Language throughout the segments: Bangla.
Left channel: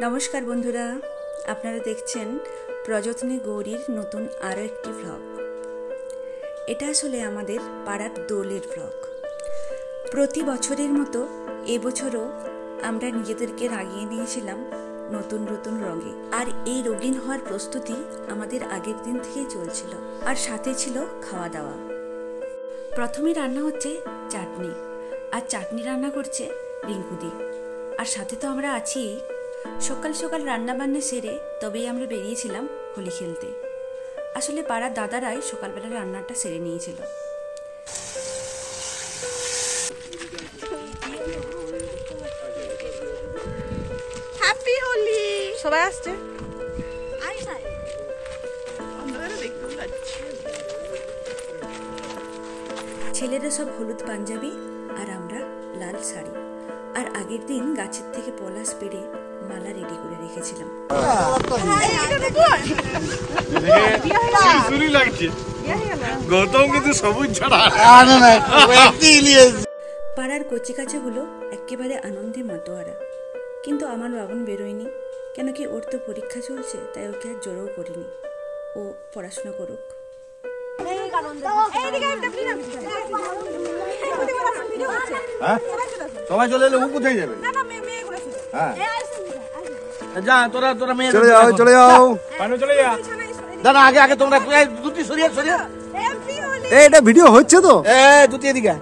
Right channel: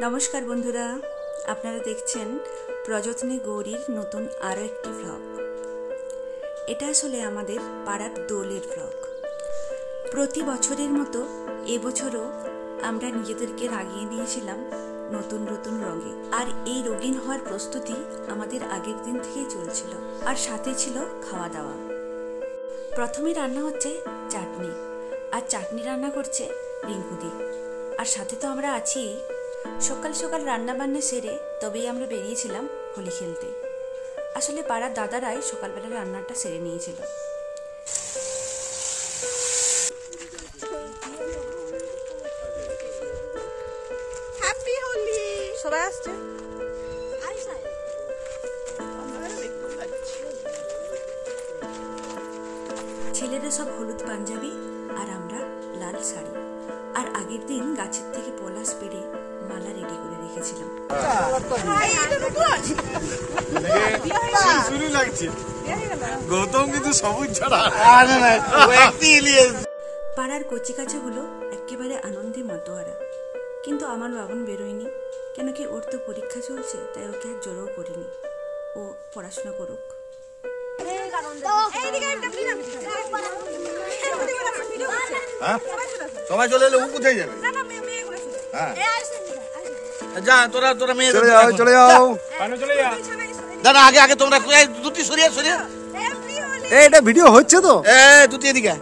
नमस्कार बंधुरा आपनारा देखছেন प्रयत्ने गौरीर नतून आरो एकटी ब्लग। এটা আসলে আমাদের পাড়ার দোলের ব্লগ। প্রতি বছরের মতো এবছরও আমরা নিজেদেরকে রাগিয়ে নিয়েছিলাম নতুন নতুন রঙে। আর এই রঙিন হওয়ার প্রস্তুতি আমাদের আগের দিন থেকেই চলছিল, আর সাথে ছিল খাওয়া দাওয়া। প্রথমে রান্না হচ্ছে চাটনি, আর চাটনি রান্না করছে রিঙ্কুদি, আর সাথে তো আমরা আছি। সকাল সকাল রান্না বান্না সেরে তবেই আমরা বেরিয়েছিলাম হোলি খেলতে। আসলে পাড়ার দাদারাই সকালবেলা রান্নাটা সেরে নিয়েছিল। হ্যাপি হোলি সবাই আসছে। ছেলেরা সব হলুদ পাঞ্জাবি আর আমরা লাল শাড়ি। আর আগের দিন গাছের থেকে পলাশ পেড়ে মালা রেডি করে রেখেছিলাম। পাড়ার কচিকাচাগুলো একেবারে আনন্দে মাতোয়ারা, কিন্তু আমার বাবন বেরোয়নি। কেন কি ওর তো পরীক্ষা চলছে, তাই ওকে আর জোরও করিনি। ও পড়াশোনা করুক। সবাই চলে এলে ও কোথায় যাবে? যা তোরা তোরা মেয়ে চলে যাও দাদা, আগে আগে তোমরা দুটি সরিয়ে সরিয়ে। এটা ভিডিও হচ্ছে তো, দুটি এদিকে।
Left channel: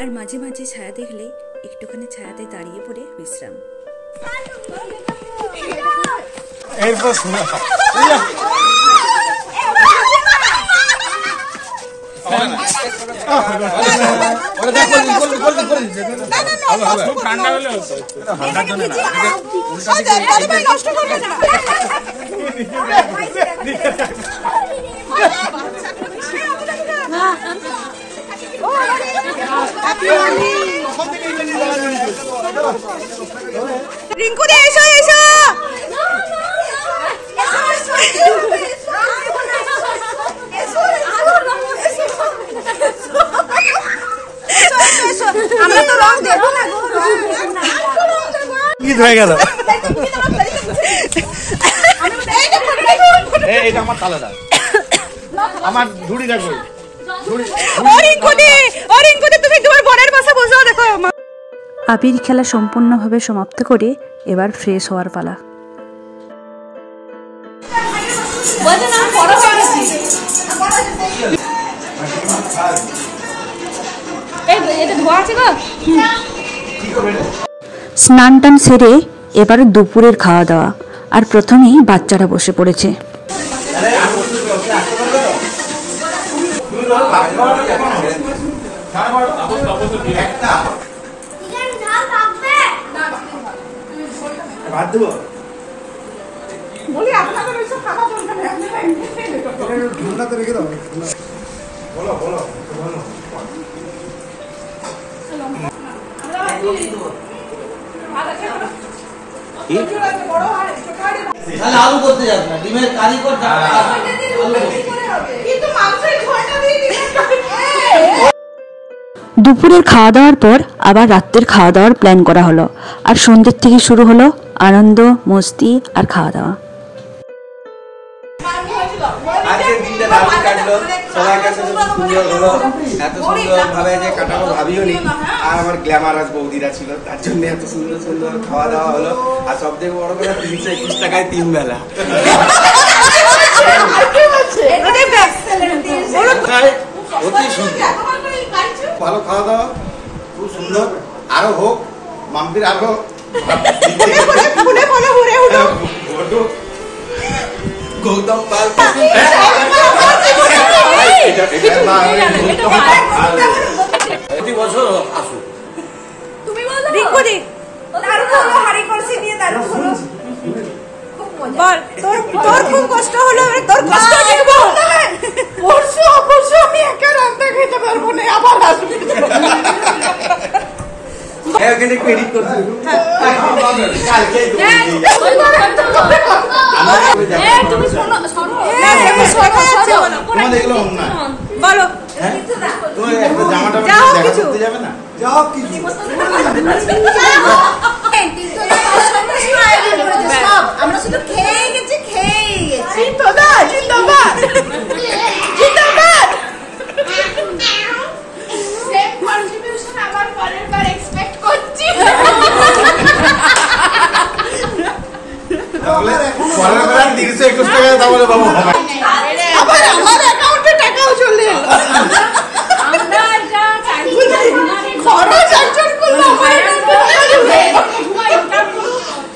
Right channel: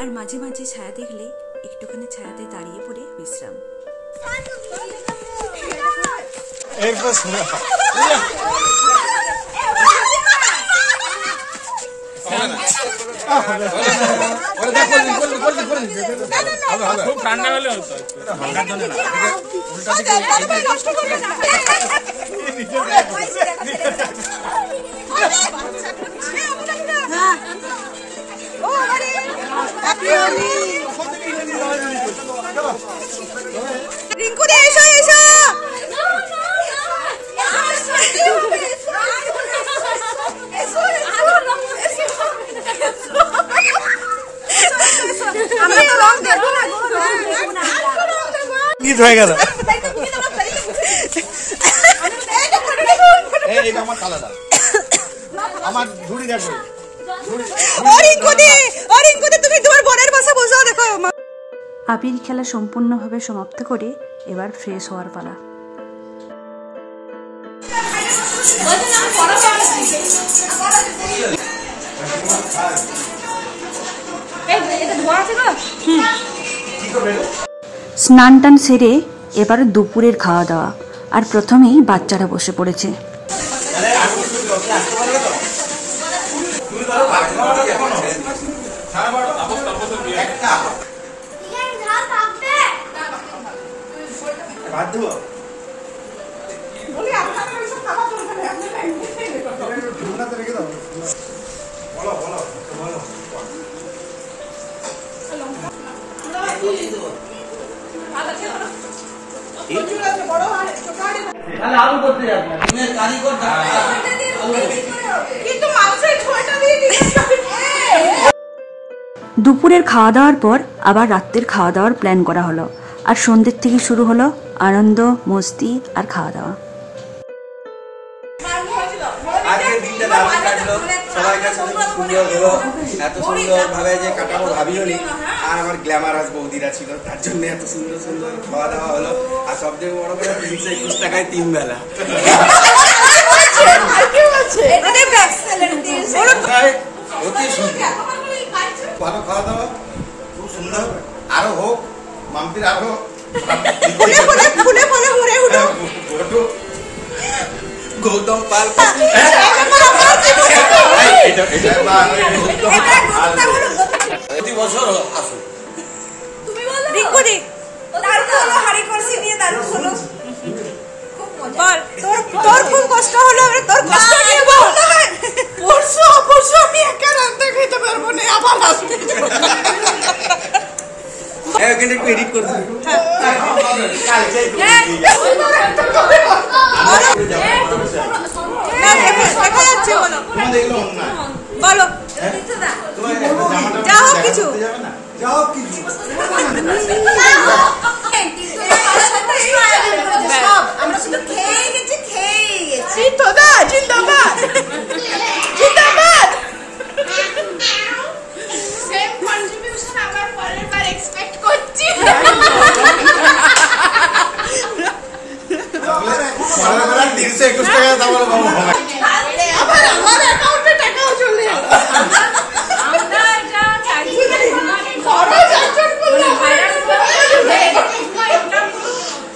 আর মাঝে মাঝে ছায়া দেখলে একটুখানি ছায়াতে দাঁড়িয়ে পড়ে বিশ্রাম। রিঙ্কু দি এসো এসো। ঈদ হয়ে গেল। এইটা আমার কালার, আমার ঝুড়ি দেখো। তুমি তোমার বোনের পাশে বসো, দেখো। আবির খেলা সম্পূর্ণভাবে সমাপ্ত করে এবার ফ্রেশ হওয়ার পালা। স্নান টান সেরে এবার দুপুরের খাওয়া দাওয়া। আর প্রথমেই বাচ্চারা বসে পড়েছে। দুপুরের খাওয়া দাওয়ার পর আবার রাত্রের খাওয়া দাওয়ার প্ল্যান করা হলো। আর সন্ধ্যের থেকে শুরু হলো আনন্দ মস্তি আর খাওয়া দাওয়া। আজকের দিনটা দারুণ কাটলো, সবাইকার সাথে সুন্দর হলো। এত সুন্দর ভাবে যে কাটানো ভাবিও নি। আর আমার গ্ল্যামারাস বৌদিরা ছিল, তার জন্য এত সুন্দর সুন্দর খাওয়া দাওয়া হলো। আর সব থেকে বড় করে 321 টাকায় 3 বেলা। অতি সুন্দর, ভালো খাওয়া দাওয়া, খুব সুন্দর। আরো হোক, মাম্পির আরো গৌতম পাল প্রতি বছর আসুন। রিঙ্কু দি দারুণ হলো, হাড়ি কলসি নিয়ে দারুণ হলো। বল তোর খুব কষ্ট হলো, তোর কষ্ট নিয়ে বল। পরশু আমি একা রান্না খেতে পারবো না, আবার আসবি। এখানে একটু এডিট করতে তুমি শোনো দেখা যাচ্ছে বলো যা হোক কিছু আমরা শুধু খেয়ে গেছি জিন্দাবাদ জিন্দাবাদ সেম কন্ট্রিবিউশন আবার পরের বার এক্সপেক্ট করছি পরের বার 321 টাকা তাহলে বাবু আবার আমার অ্যাকাউন্টে টাকাও চলে আমরা এটা চাইছি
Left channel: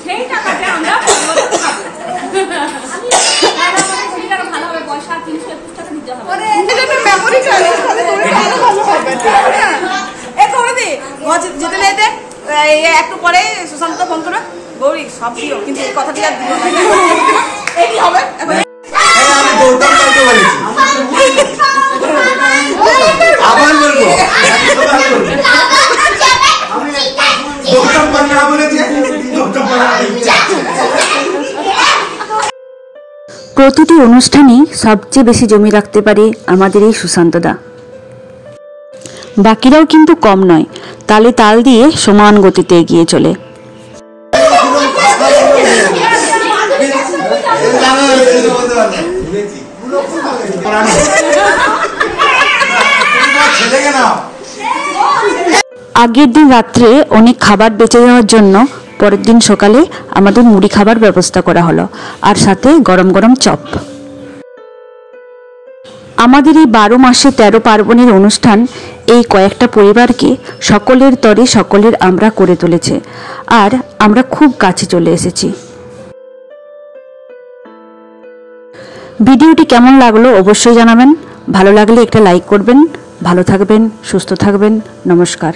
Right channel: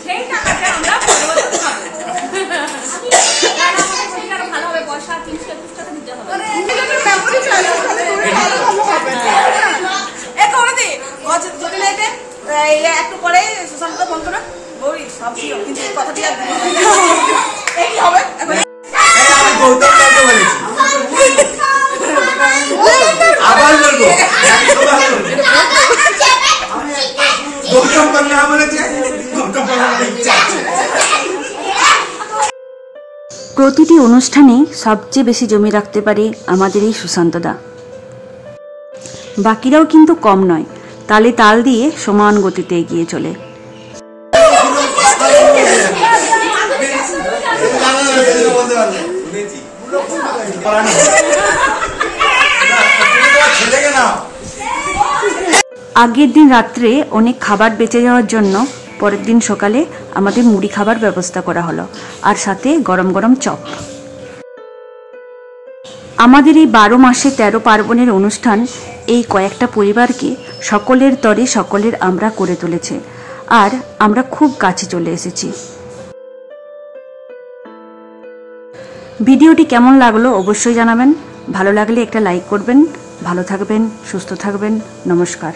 সেই টাকাটা আমরা পরবর্তী খাবো ভালো হবে পয়সা 321 টাকা দিতে হবে মেমোরি চাইলে তাহলে তোরে ভালো হবে এ কমদি যেতে লেটে একটু পরে সুশান্ত ফোন করো গৌরী সব দিও কিন্তু এই কথাটি আর দিও না এই কি হবে এখন আমি গৌতম কালকে বলেছি আবার বলবো গৌতম পান্না বলেছে গৌতম পান্না প্রতিটি অনুষ্ঠানই সবচেয়ে বেশি জমি রাখতে পারে আমাদের এই সুশান্তদা। বাকিরাও কিন্তু কম নয়, তালে তাল দিয়ে সমান গতিতে এগিয়ে চলে। আগের দিন রাত্রে অনেক খাবার বেঁচে যাওয়ার জন্য পরের দিন সকালে আমাদের মুড়ি খাবার ব্যবস্থা করা হলো, আর সাথে গরম গরম চপ। আমাদের এই 12 মাসে 13 পার্বণের অনুষ্ঠান এই কয়েকটা পরিবারকে সকলের তরে সকলের আমরা করে তুলেছে, আর আমরা খুব কাছে চলে এসেছি। ভিডিওটি কেমন লাগলো অবশ্যই জানাবেন। ভালো লাগলে একটা লাইক করবেন। ভালো থাকবেন, সুস্থ থাকবেন। নমস্কার।